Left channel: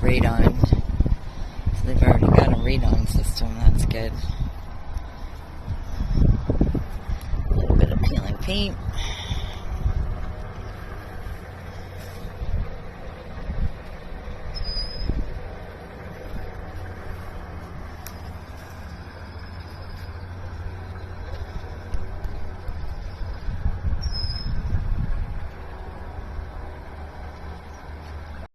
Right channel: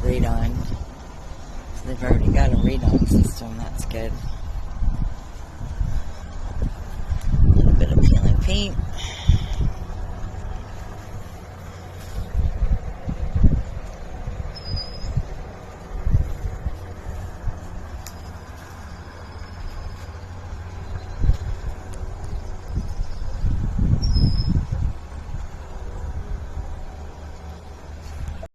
radon. So they've already got a radon system. That's good. A little bit of peeling paint.